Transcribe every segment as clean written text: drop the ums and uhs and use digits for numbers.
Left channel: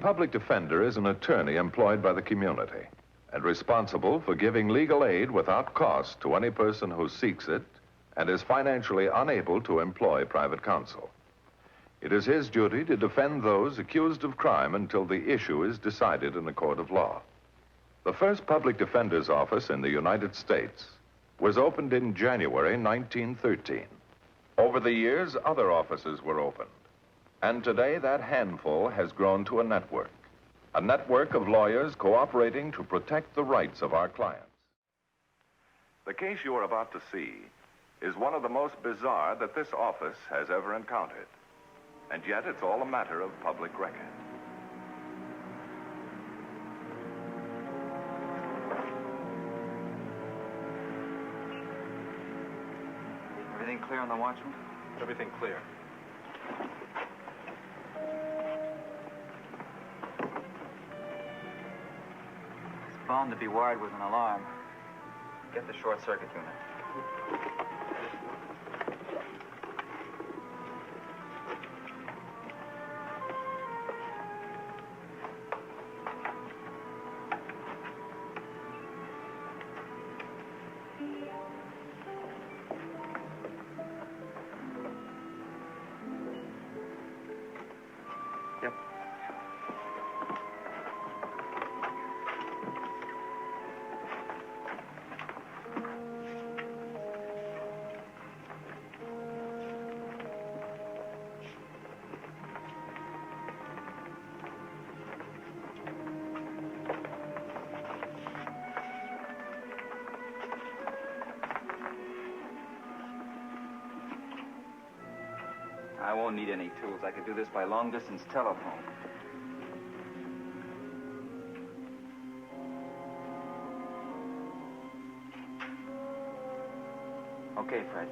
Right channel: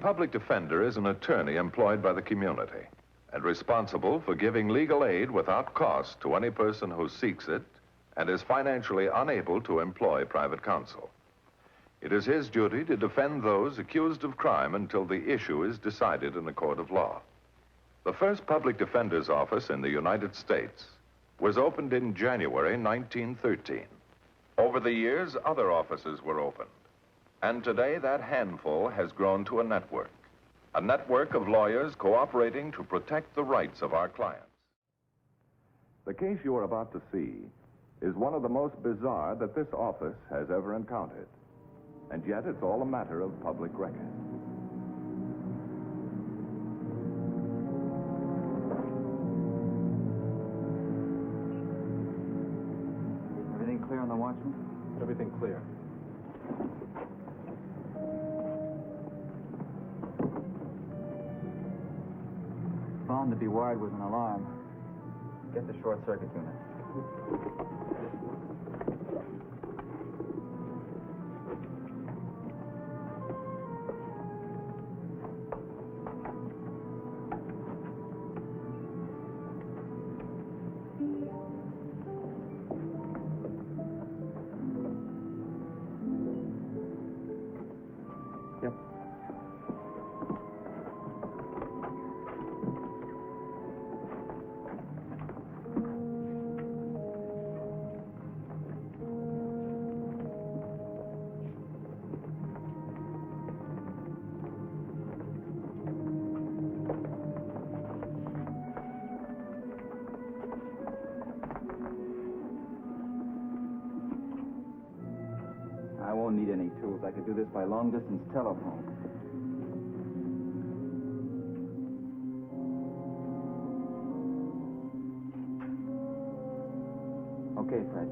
public defender is an attorney employed by the community and responsible for giving legal aid without cost to any person who seeks it and is financially unable to employ private counsel. It is his duty to defend those accused of crime until the issue is decided in a court of law. The first public defender's office in the United States was opened in January 1913. Over the years, other offices were opened. And today, that handful has grown to a network of lawyers cooperating to protect the rights of our clients. The case you are about to see is one of the most bizarre that this office has ever encountered. And yet, it's all a matter of public record. Everything clear on the watchman? Everything clear. It's bound to be wired with an alarm. Get the short circuit unit. Yep. I won't need any tools. I can do this by long-distance telephone. Okay, Fred.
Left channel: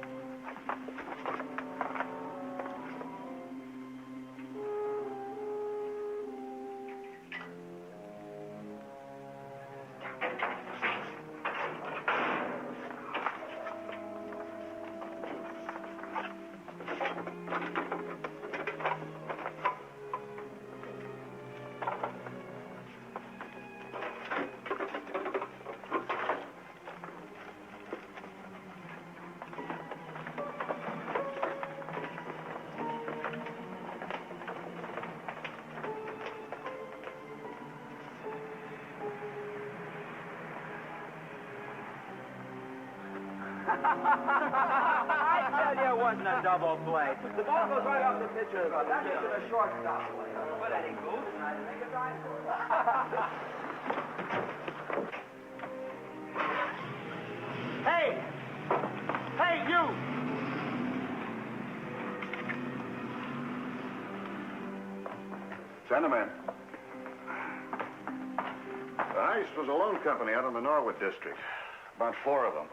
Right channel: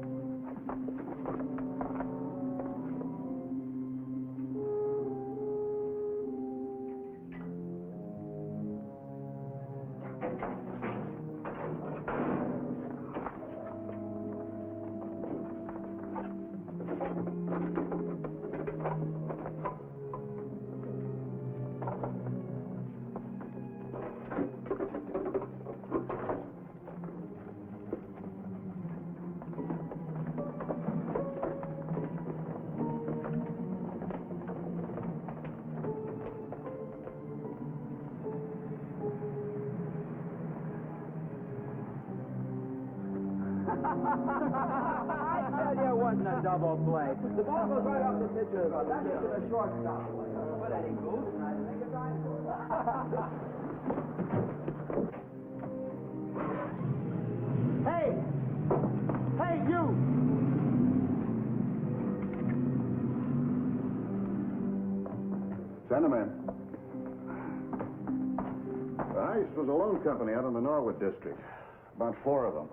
I tell you, it wasn't a double play. The ball goes right off the pitcher. That makes it a shortstop play. But that ain't goose, and I didn't make a dive for it. Hey! Hey, you! Gentlemen, the Heist was a loan company out in the Norwood district. About 4 of them.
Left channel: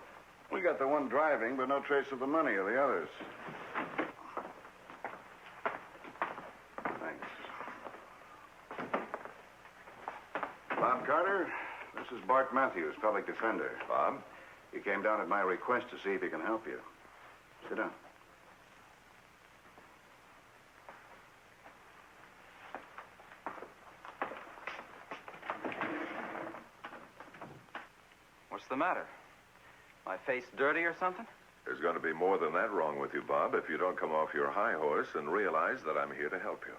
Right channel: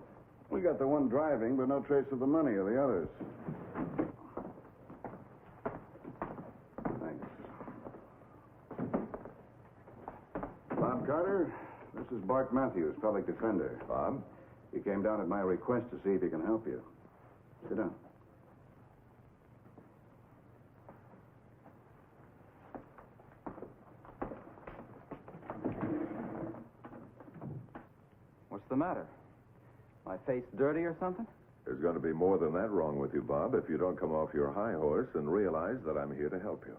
We got the one driving, but no trace of the money or the others. Thanks. Bob Carter, this is Bart Matthews, public defender. Bob? He came down at my request to see if he can help you. Sit down. What's the matter? My face dirty or something? There's going to be more than that wrong with you, Bob, if you don't come off your high horse and realize that I'm here to help you.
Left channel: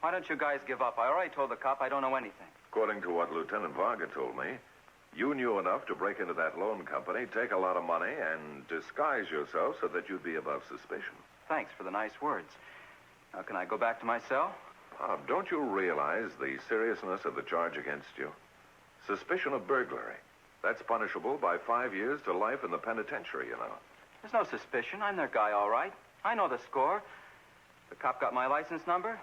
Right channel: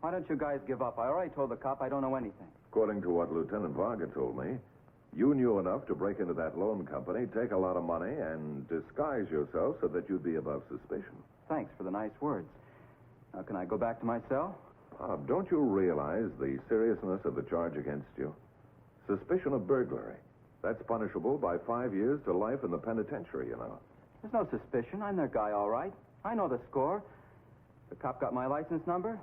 Why don't you guys give up? I already told the cop I don't know anything. According to what Lieutenant Varga told me, you knew enough to break into that loan company, take a lot of money, and disguise yourself so that you'd be above suspicion. Thanks for the nice words. Now, can I go back to my cell? Bob, don't you realize the seriousness of the charge against you? Suspicion of burglary. That's punishable by 5 years to life in the penitentiary, you know. There's no suspicion. I'm their guy, all right. I know the score. The cop got my license number,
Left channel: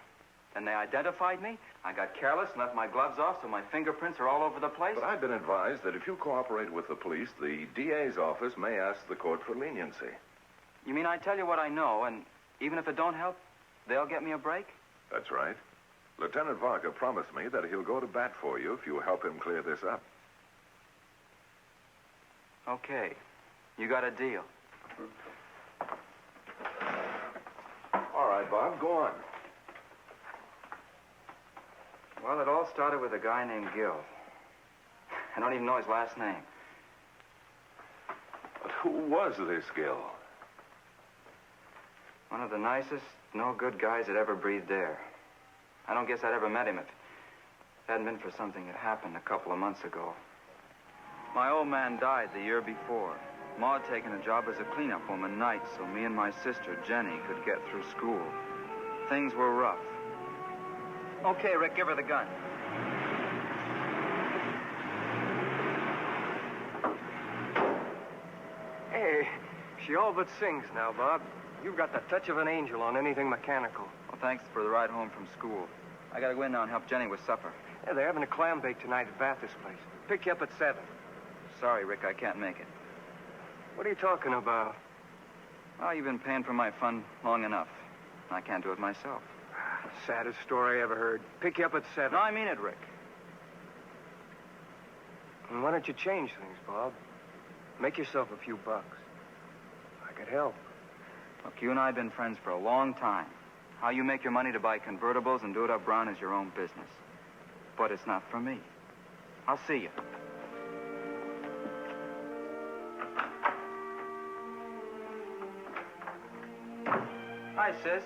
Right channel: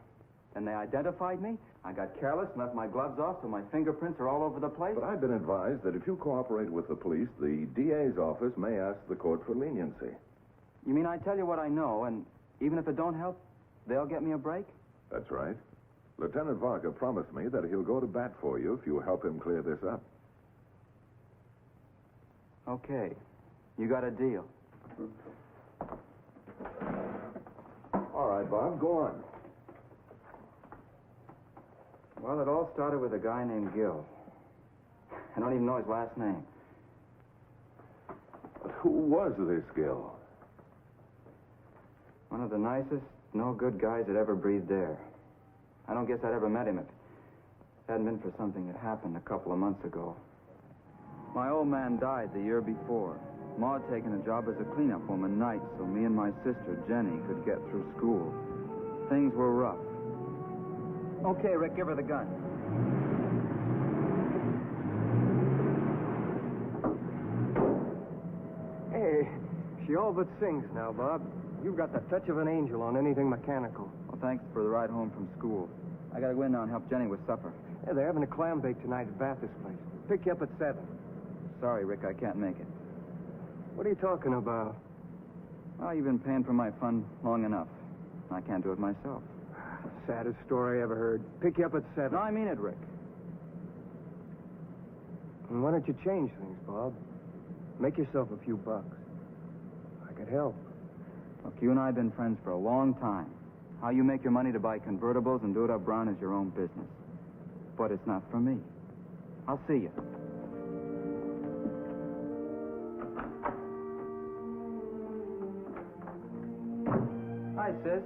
and they identified me. I got careless and left my gloves off, so my fingerprints are all over the place. But I've been advised that if you cooperate with the police, the DA's office may ask the court for leniency. You mean I tell you what I know, and even if it don't help, they'll get me a break? That's right. Lieutenant Varga promised me that he'll go to bat for you if you help him clear this up. Okay. You got a deal. All right, Bob, go on. Well, it all started with a guy named Gil. I don't even know his last name. But who was this Gil? One of the nicest, no-good guys that ever breathed air. I don't guess I'd ever met him if it hadn't been for something that happened a couple of months ago. My old man died the year before. Ma had taken a job as a cleanup woman nights so me and my sister, Jenny, could get through school. Things were rough. Okay, Rick, give her the gun. Hey, she all but sings now, Bob. You've got the touch of an angel on anything mechanical. Well, thanks for the ride home from school. I gotta go in now and help Jenny with supper. Yeah, they're having a clam bake tonight at Bathurst Place. Pick you up at 7. Sorry, Rick, I can't make it. What are you talking about? Well, you've been paying for my fun long enough. I can't do it myself. Saddest story I ever heard. Pick you up at 7. No, I mean it, Rick. And why don't you change things, Bob? Make yourself a few bucks. I could help. Look, you and I have been friends for a long time. How you make your money to buy convertibles and do it up brown is your own business. But it's not for me. I'll see you. Hi, sis.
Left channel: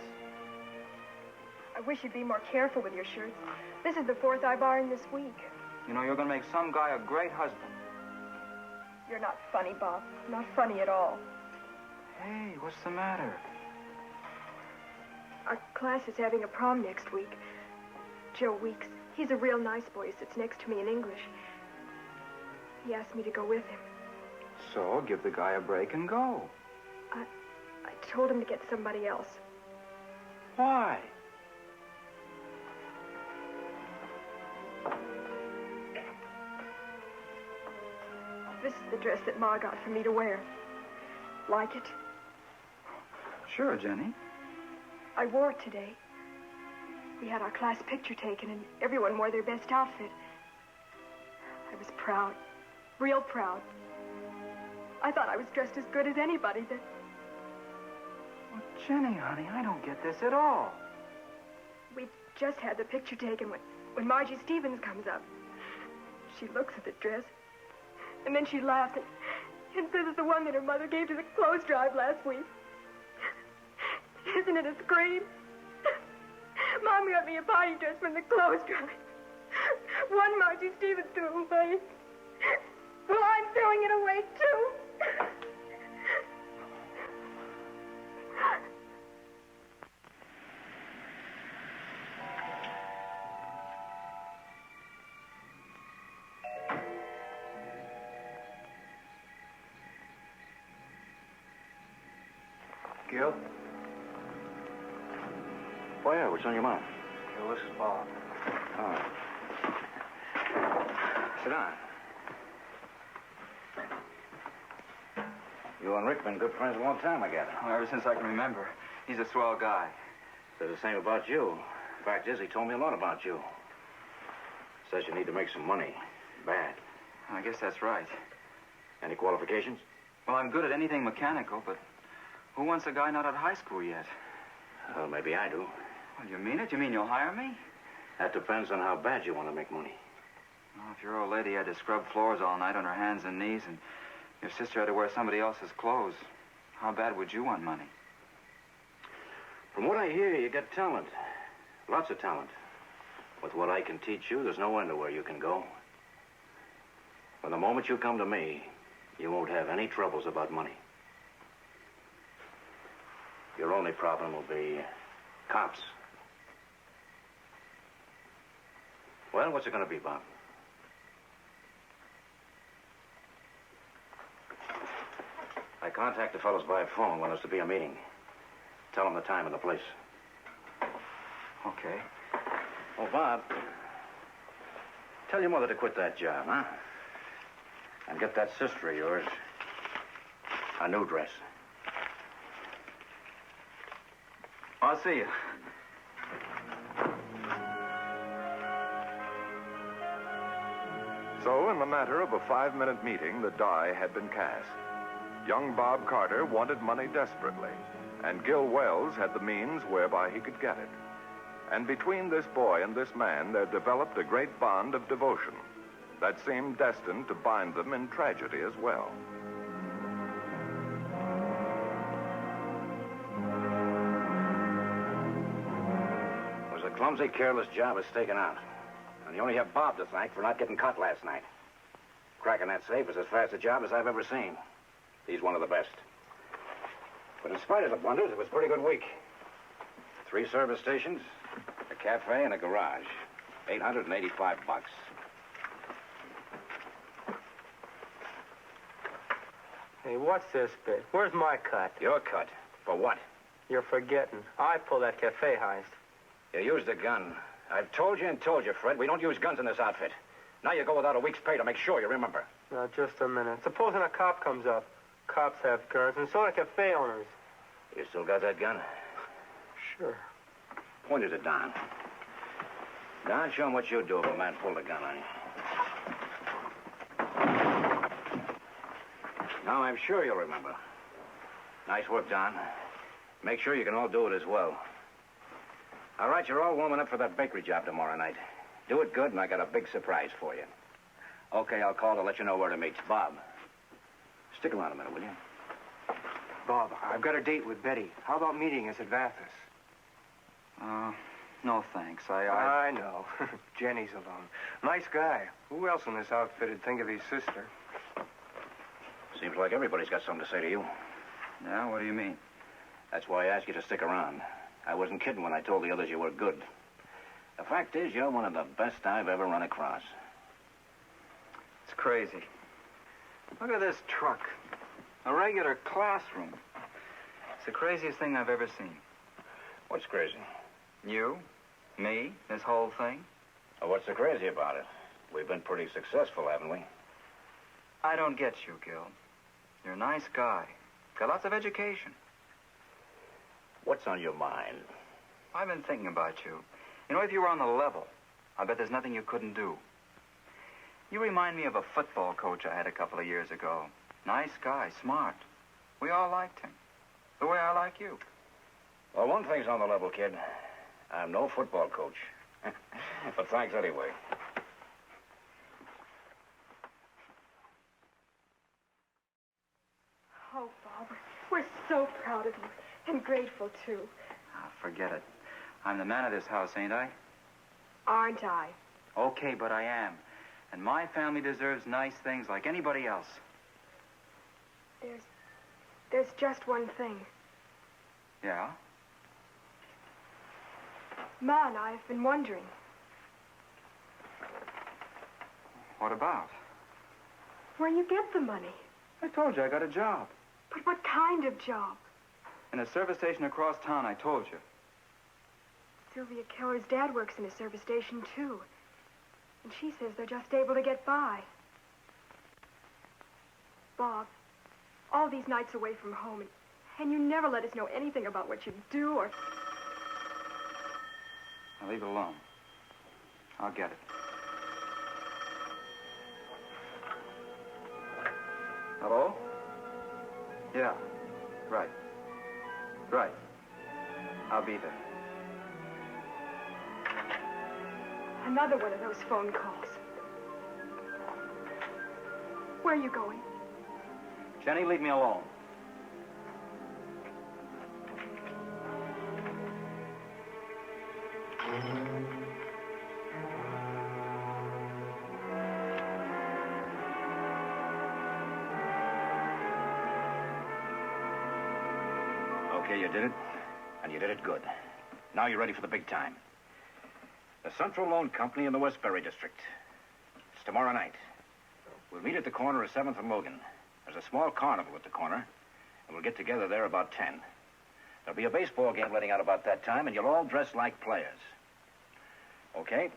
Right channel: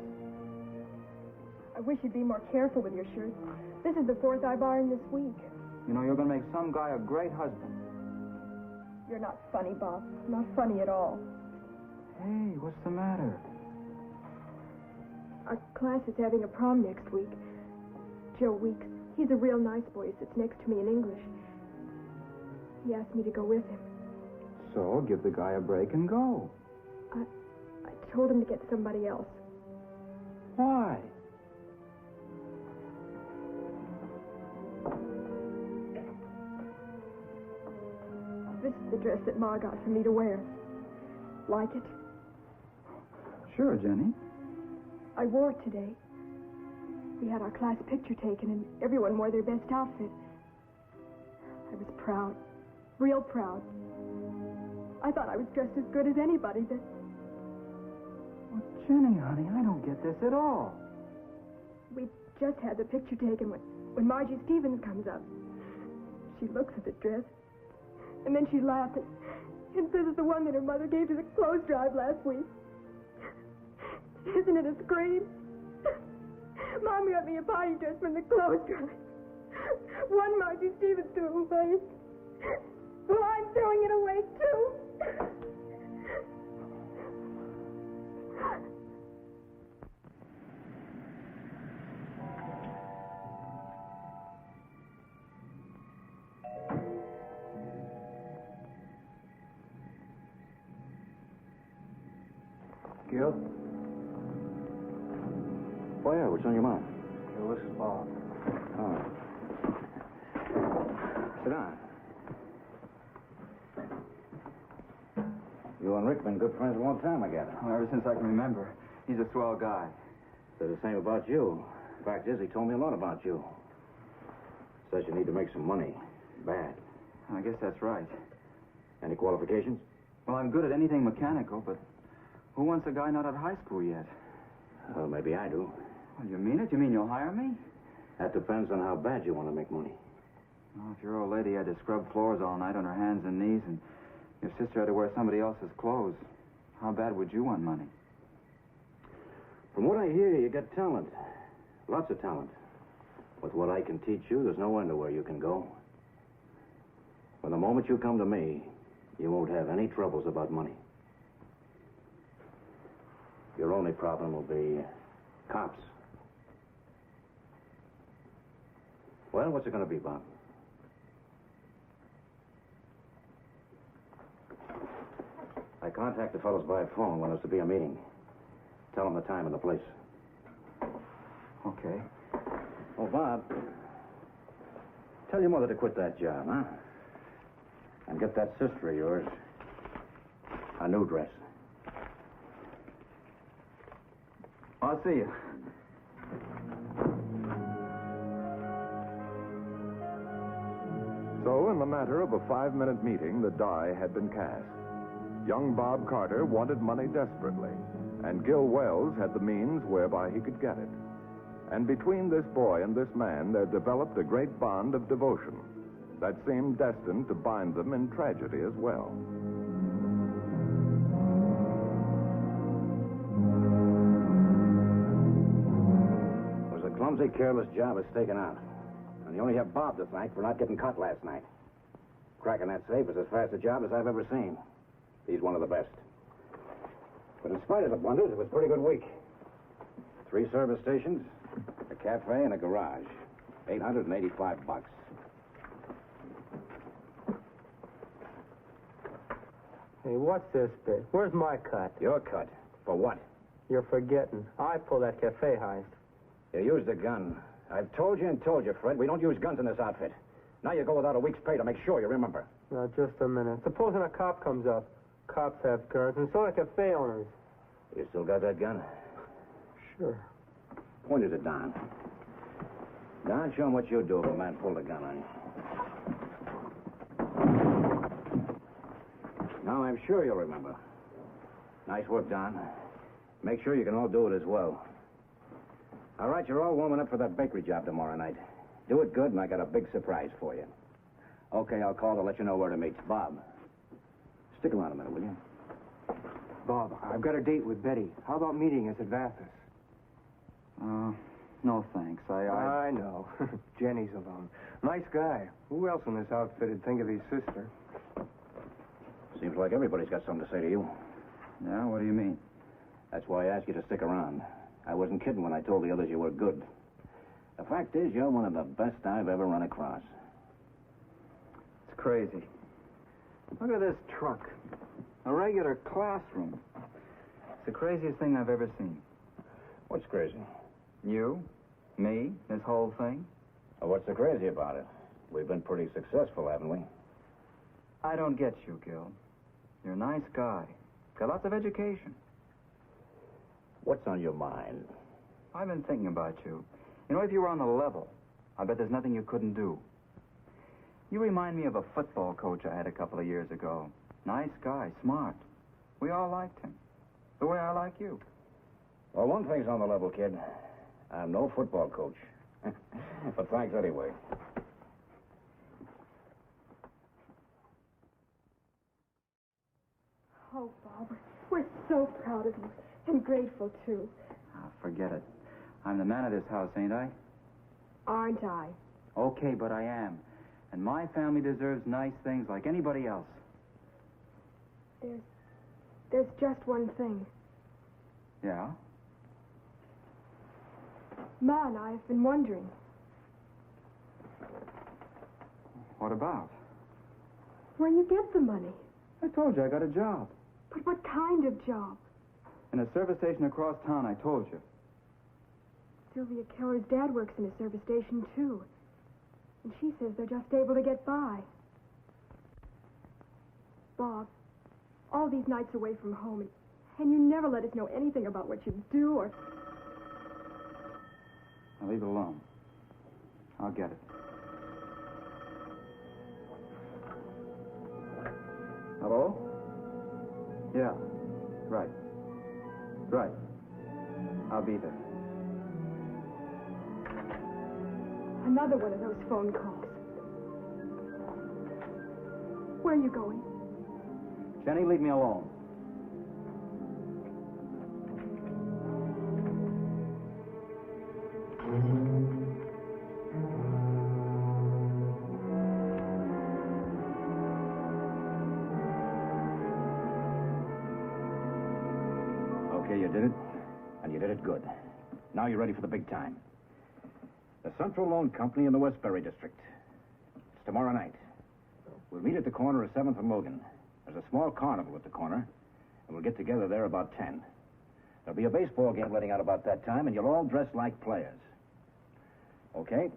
I wish you'd be more careful with your shirts. This is the 4th I've ironed this week. You know, you're gonna make some guy a great husband. You're not funny, Bob. Not funny at all. Hey, what's the matter? Our class is having a prom next week. Joe Weeks, he's a real nice boy who sits next to me in English. He asked me to go with him. So, give the guy a break and go. I told him to get somebody else. Why? This is the dress that Ma got for me to wear. Like it? Sure, Jenny. I wore it today. We had our class picture taken, and everyone wore their best outfit. I was proud. Real proud. I thought I was dressed as good as anybody that... Well, Jenny, honey, I don't get this at all. We just had the picture taken when Margie Stevens comes up. She looks at the dress, and then she laughs and says it's the one that her mother gave to the clothes drive last week. Isn't it a scream? Mom got me a party dress from the clothes drive. One Margie Stevens threw away. Well, I'm throwing it away, too. Gil? Oh, yeah, what's on your mind? Gil, this is Bob. Oh. Sit down. You and Rick been good friends a long time, I gather. Well, ever since I can remember. He's a swell guy. Said the same about you. Fact is, he told me a lot about you. Says you need to make some money. Bad. I guess that's right. Any qualifications? Well, I'm good at anything mechanical, but who wants a guy not at high school yet? Well, maybe I do. Well, you mean it? You mean you'll hire me? That depends on how bad you want to make money. Well, if your old lady had to scrub floors all night on her hands and knees, and your sister had to wear somebody else's clothes, how bad would you want money? From what I hear, you got talent. Lots of talent. With what I can teach you, there's no end to where you can go. From the moment you come to me, you won't have any troubles about money. Your only problem will be cops. Well, what's it going to be, Bob? I contact the fellows by phone when there's to be a meeting. Tell them the time and the place. Okay. Oh, Bob, tell your mother to quit that job, huh? And get that sister of yours a new dress. I'll see you. So, in the matter of a 5-minute meeting, the die had been cast. Young Bob Carter wanted money desperately, and Gil Wells had the means whereby he could get it. And between this boy and this man, there developed a great bond of devotion that seemed destined to bind them in tragedy as well. It was a clumsy, careless job of staking out. And you only have Bob to thank for not getting caught last night. Cracking that safe was as fast a job as I've ever seen. He's one of the best. But in spite of the blunders, it was a pretty good week. 3 service stations, a cafe, and a garage. $885. Hey, what's this bit? Where's my cut? Your cut. For what? You're forgetting. I pulled that cafe heist. You used a gun. I've told you and told you, Fred, we don't use guns in this outfit. Now you go without a week's pay to make sure you remember. Now, just a minute. Supposing a cop comes up. Cops have guns, and so do cafe owners. You still got that gun? Sure. Point it at Don. Don, show him what you'd do if a man pulled a gun on you. Now, I'm sure you'll remember. Nice work, Don. Make sure you can all do it as well. All right, you're all warming up for that bakery job tomorrow night. Do it good, and I got a big surprise for you. Okay, I'll call to let you know where to meet. Bob, stick around a minute, will you? Bob, I've got a date with Betty. How about meeting us at Vathis? No thanks. I know. Jenny's alone. Nice guy. Who else in this outfit would think of his sister? Seems like everybody's got something to say to you. Yeah, what do you mean? That's why I asked you to stick around. I wasn't kidding when I told the others you were good. The fact is, you're one of the best I've ever run across. It's crazy. Look at this truck. A regular classroom. It's the craziest thing I've ever seen. What's crazy? You, me, this whole thing. Well, what's so crazy about it? We've been pretty successful, haven't we? I don't get you, Gil. You're a nice guy. Got lots of education. What's on your mind? I've been thinking about you. You know, if you were on the level, I bet there's nothing you couldn't do. You remind me of a football coach I had a couple of years ago. Nice guy, smart. We all liked him. The way I like you. Well, one thing's on the level, kid. I'm no football coach. But thanks anyway. Oh, Bob, we're so proud of you. And grateful, too. Ah, forget it. I'm the man of this house, ain't I? Aren't I? Okay, but I am. And my family deserves nice things like anybody else. There's just one thing. Yeah? Ma and I have been wondering. What about? Where you get the money. I told you I got a job. But what kind of job? In a service station across town, I told you. Sylvia Keller's dad works in a service station, too. And she says they're just able to get by. Bob, all these nights away from home, and you never let us know anything about what you do or... Now leave it alone. I'll get it. Hello? Yeah. Right. Right. I'll be there. Another one of those phone calls. Where are you going? Jenny, leave me alone. Okay, you did it, and you did it good. Now you're ready for the big time. The Central Loan Company in the Westbury District. It's tomorrow night. We'll meet at the corner of 7th and Logan. There's a small carnival at the corner, and we'll get together there about 10. There'll be a baseball game letting out about that time, and you'll all dress like players. Okay?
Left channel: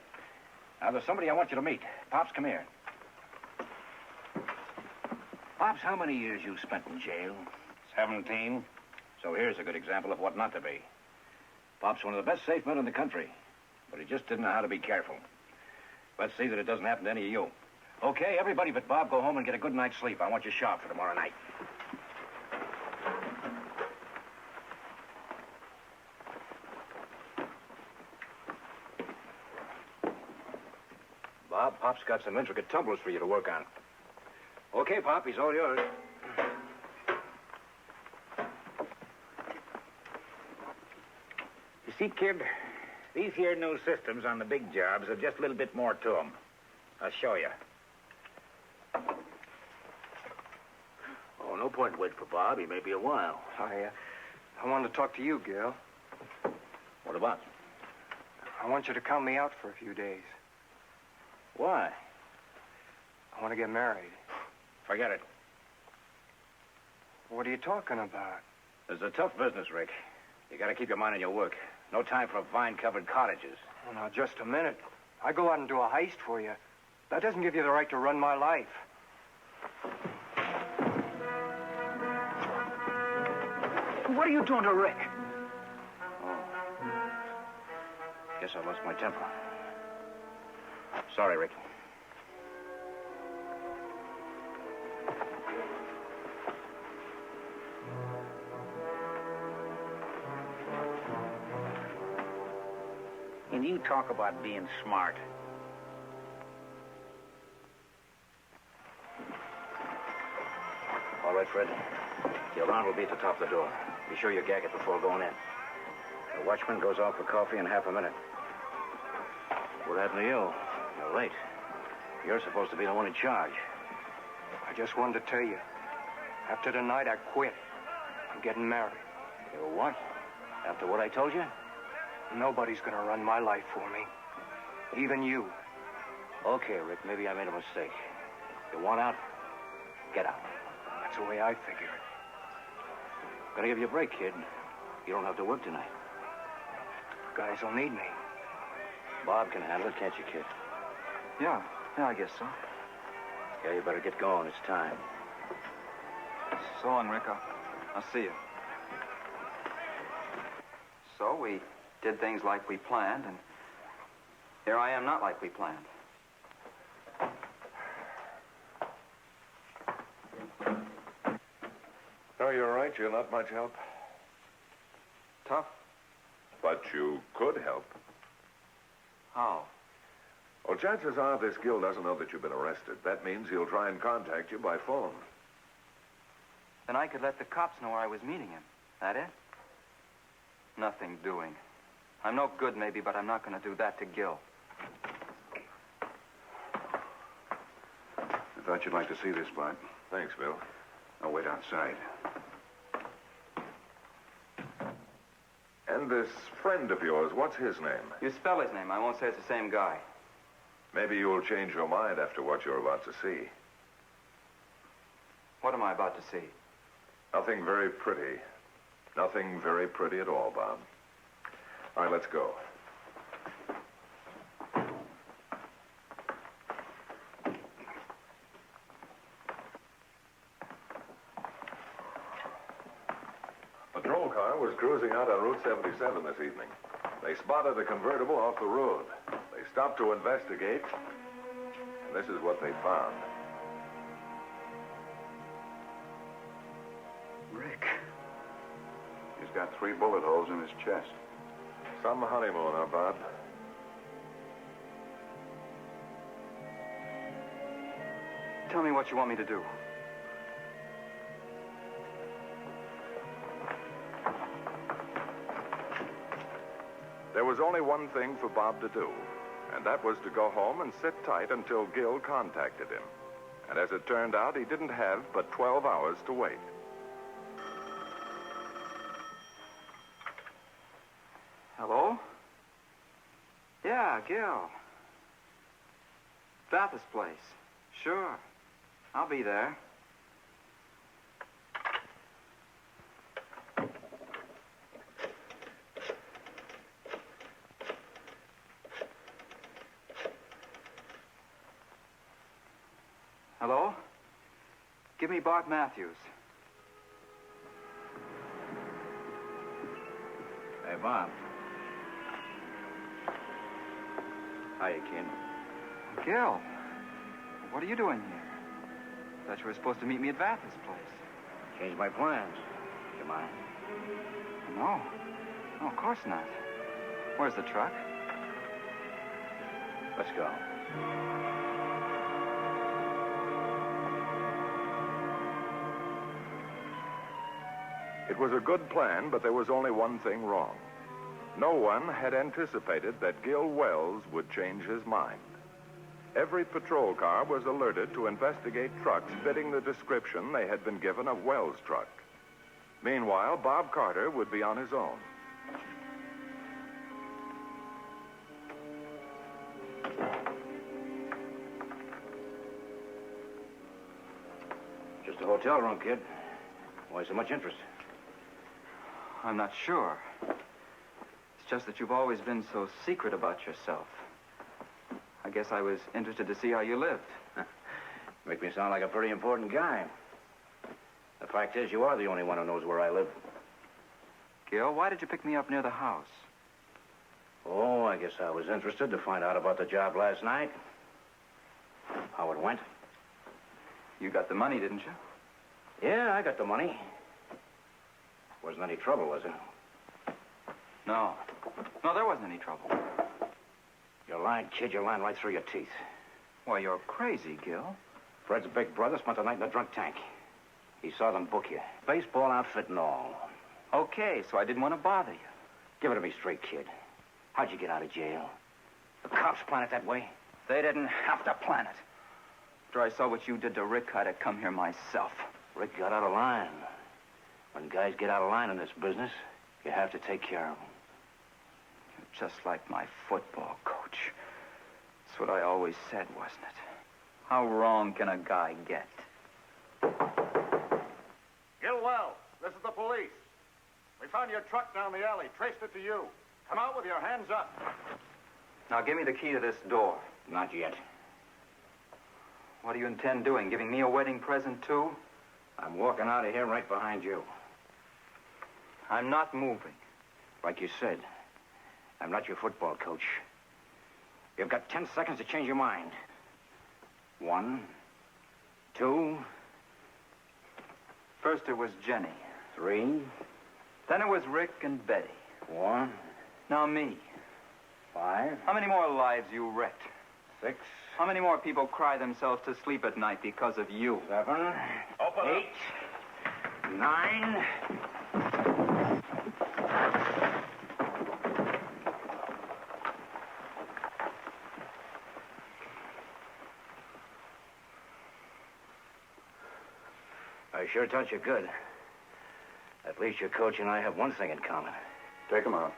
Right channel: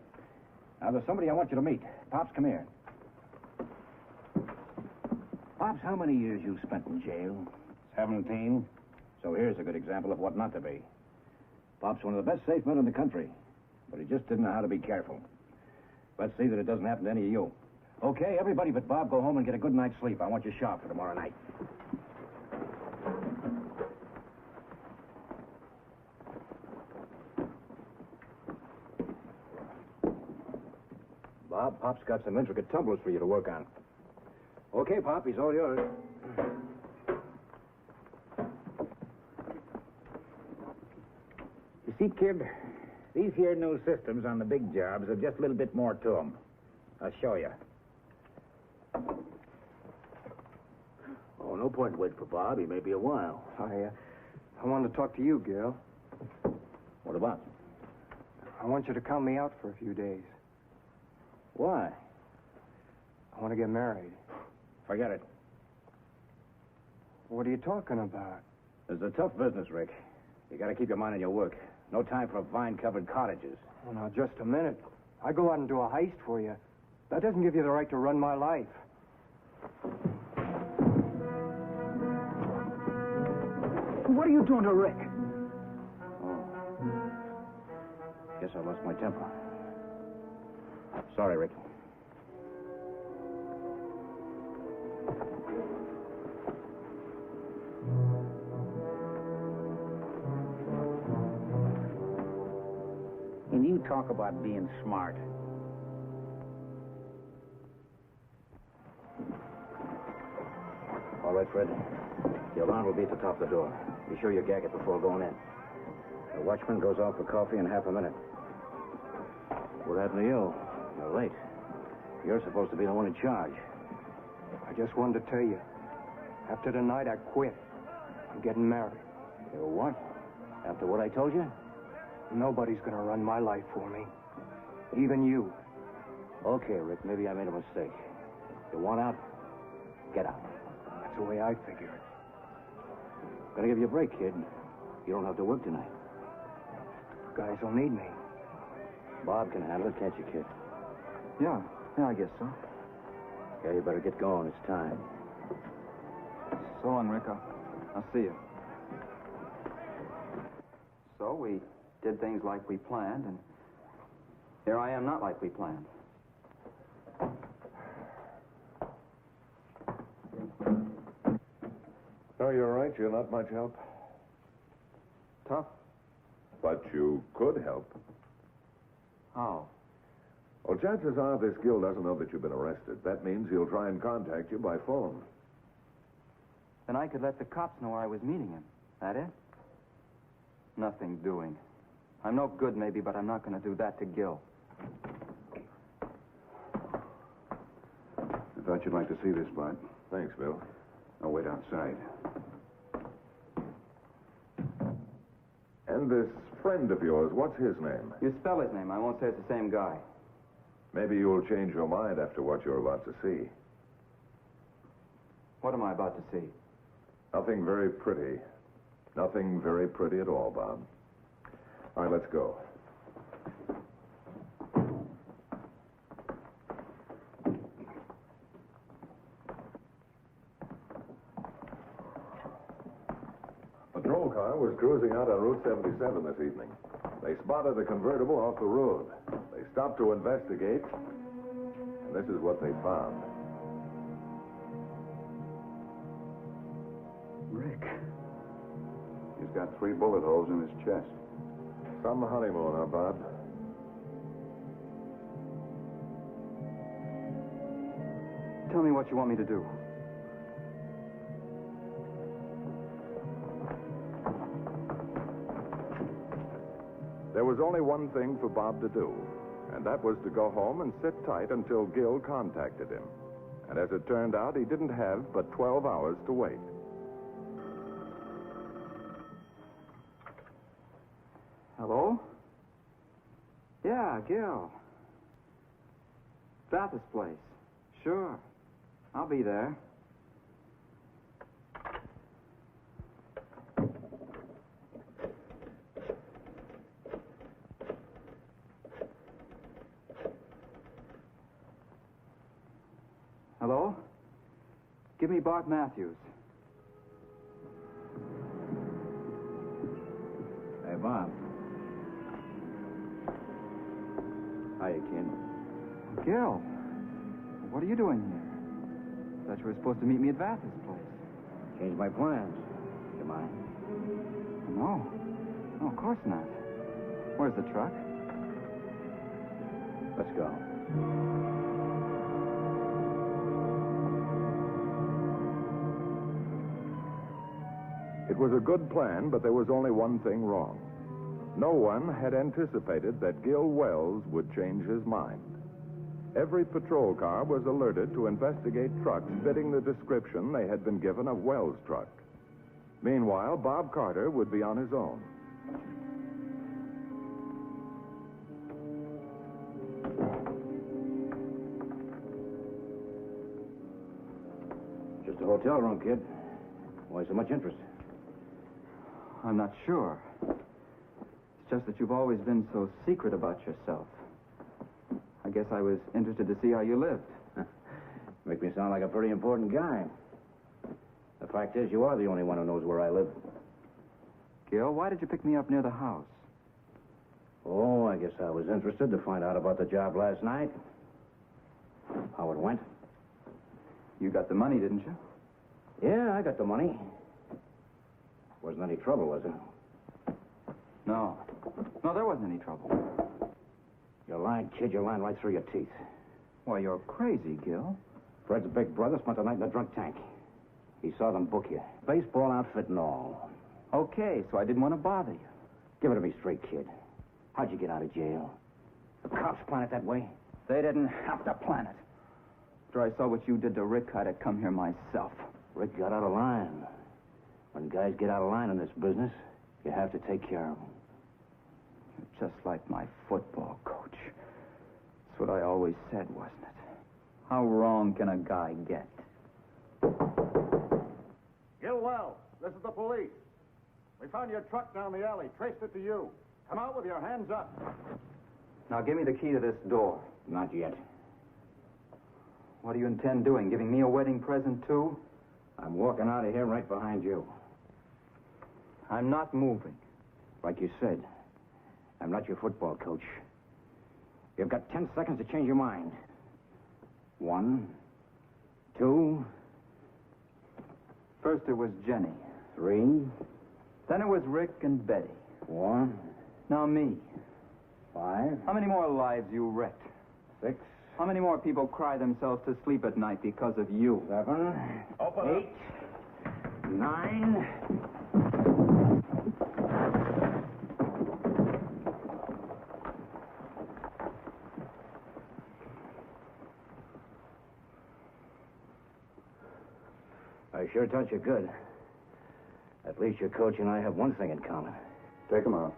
Now, there's somebody I want you to meet. Pops, come here. Pops, how many years you spent in jail? 17. So here's a good example of what not to be. Pop's one of the best safe men in the country, but he just didn't know how to be careful. Let's see that it doesn't happen to any of you. Okay, everybody but Bob, go home and get a good night's sleep. I want you sharp for tomorrow night. Bob. Pop's got some intricate tumblers for you to work on. Okay, Pop, he's all yours. You see, kid, these here new systems on the big jobs have just a little bit more to them. I'll show you. Oh, no point in waiting for Bob. He may be a while. I wanted to talk to you, Gil. What about? I want you to count me out for a few days. Why? I want to get married. Forget it. What are you talking about? It's a tough business, Rick. You gotta keep your mind on your work. No time for vine-covered cottages. Well, now, just a minute. I go out and do a heist for you. That doesn't give you the right to run my life. What are you doing to Rick? Oh. Guess I lost my temper. Sorry, Rick. And you talk about being smart. All right, Fred. The alarm will be at the top of the door. Be sure you gag it before going in. The watchman goes off for coffee in half a minute. What happened to you? You're late. You're supposed to be the one in charge. I just wanted to tell you. After tonight, I quit. I'm getting married. You what? After what I told you? Nobody's gonna run my life for me. Even you. Okay, Rick, maybe I made a mistake. You want out? Get out. That's the way I figure it. Gonna give you a break, kid. You don't have to work tonight. Guys will need me. Bob can handle it, can't you, kid? Yeah, I guess so. Yeah, you better get going. It's time. So long, Rick. I'll see you. So we did things like we planned, and here I am not like we planned. No, you're right. You're not much help. Tough? But you could help. How? Well, chances are this Gil doesn't know that you've been arrested. That means he'll try and contact you by phone. Then I could let the cops know where I was meeting him. That it? Nothing doing. I'm no good, maybe, but I'm not going to do that to Gil. I thought you'd like to see this, Bud. Thanks, Bill. I'll wait outside. And this friend of yours, what's his name? You spell his name. I won't say it's the same guy. Maybe you'll change your mind after what you're about to see. What am I about to see? Nothing very pretty. Nothing very pretty at all, Bob. All right, let's go. A patrol car was cruising out on Route 77 this evening. They spotted a convertible off the road. They stopped to investigate, and this is what they found. Rick. He's got 3 bullet holes in his chest. Some honeymooner, Bob. Tell me what you want me to do. There was only one thing for Bob to do, and that was to go home and sit tight until Gil contacted him. And as it turned out, he didn't have but 12 hours to wait. Hello? Yeah, Gil. Bathurst place. Sure. I'll be there. Hello? Give me Bart Matthews. Hey, Bob. Hiya, kid. Gil, what are you doing here? Thought you were supposed to meet me at Bathurst place. Changed my plans. You mind? No. No, of course not. Where's the truck? Let's go. It was a good plan, but there was only one thing wrong. No one had anticipated that Gil Wells would change his mind. Every patrol car was alerted to investigate trucks fitting the description they had been given of Wells' truck. Meanwhile, Bob Carter would be on his own. Just a hotel room, kid. Why so much interest? I'm not sure. It's just that you've always been so secret about yourself. I guess I was interested to see how you lived. Make me sound like a pretty important guy. The fact is, you are the only one who knows where I live. Gil, why did you pick me up near the house? Oh, I guess I was interested to find out about the job last night. How it went. You got the money, didn't you? Yeah, I got the money. Wasn't any trouble, was it? No. No, there wasn't any trouble. You're lying, kid. You're lying right through your teeth. Why, you're crazy, Gil. Fred's big brother spent the night in the drunk tank. He saw them book you. Baseball outfit and all. Okay, so I didn't want to bother you. Give it to me straight, kid. How'd you get out of jail? The cops plan it that way? They didn't have to plan it. After I saw what you did to Rick, I'd have come here myself. Rick got out of line. When guys get out of line in this business, you have to take care of them. You're just like my football coach. That's what I always said, wasn't it? How wrong can a guy get? Gil Wells, this is the police. We found your truck down the alley, traced it to you. Come out with your hands up. Now, give me the key to this door. Not yet. What do you intend doing? Giving me a wedding present, too? I'm walking out of here right behind you. I'm not moving. Like you said, I'm not your football coach. You've got 10 seconds to change your mind. 1, 2... First it was Jenny. 3... Then it was Rick and Betty. 4... Now me. 5... How many more lives you wrecked? 6... How many more people cry themselves to sleep at night because of you? 7... 8... 9... I sure taught you good. At least your coach and I have one thing in common. Take him out.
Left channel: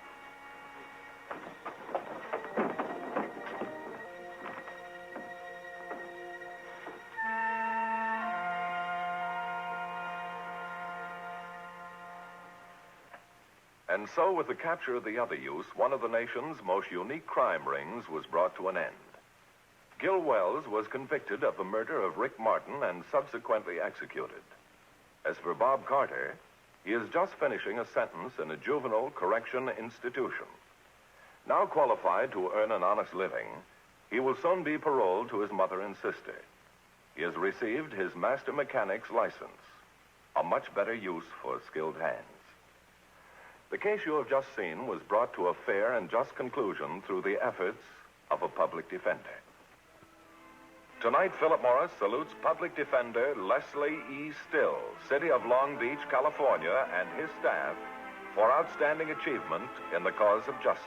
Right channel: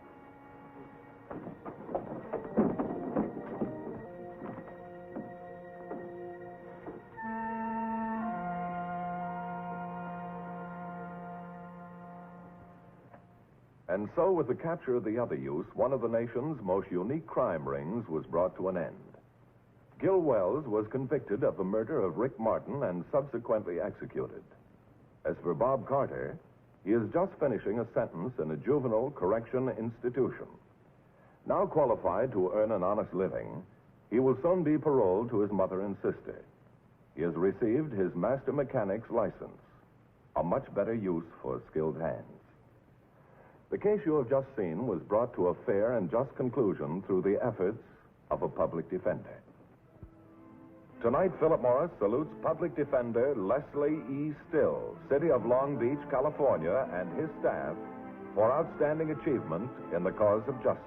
And so, with the capture of the other youth, one of the nation's most unique crime rings was brought to an end. Gil Wells was convicted of the murder of Rick Martin and subsequently executed. As for Bob Carter, he is just finishing a sentence in a juvenile correction institution. Now qualified to earn an honest living, he will soon be paroled to his mother and sister. He has received his master mechanic's license, a much better use for skilled hands. The case you have just seen was brought to a fair and just conclusion through the efforts of a public defender. Tonight, Philip Morris salutes Public Defender Leslie E. Still, City of Long Beach, California, and his staff for outstanding achievement in the cause of justice.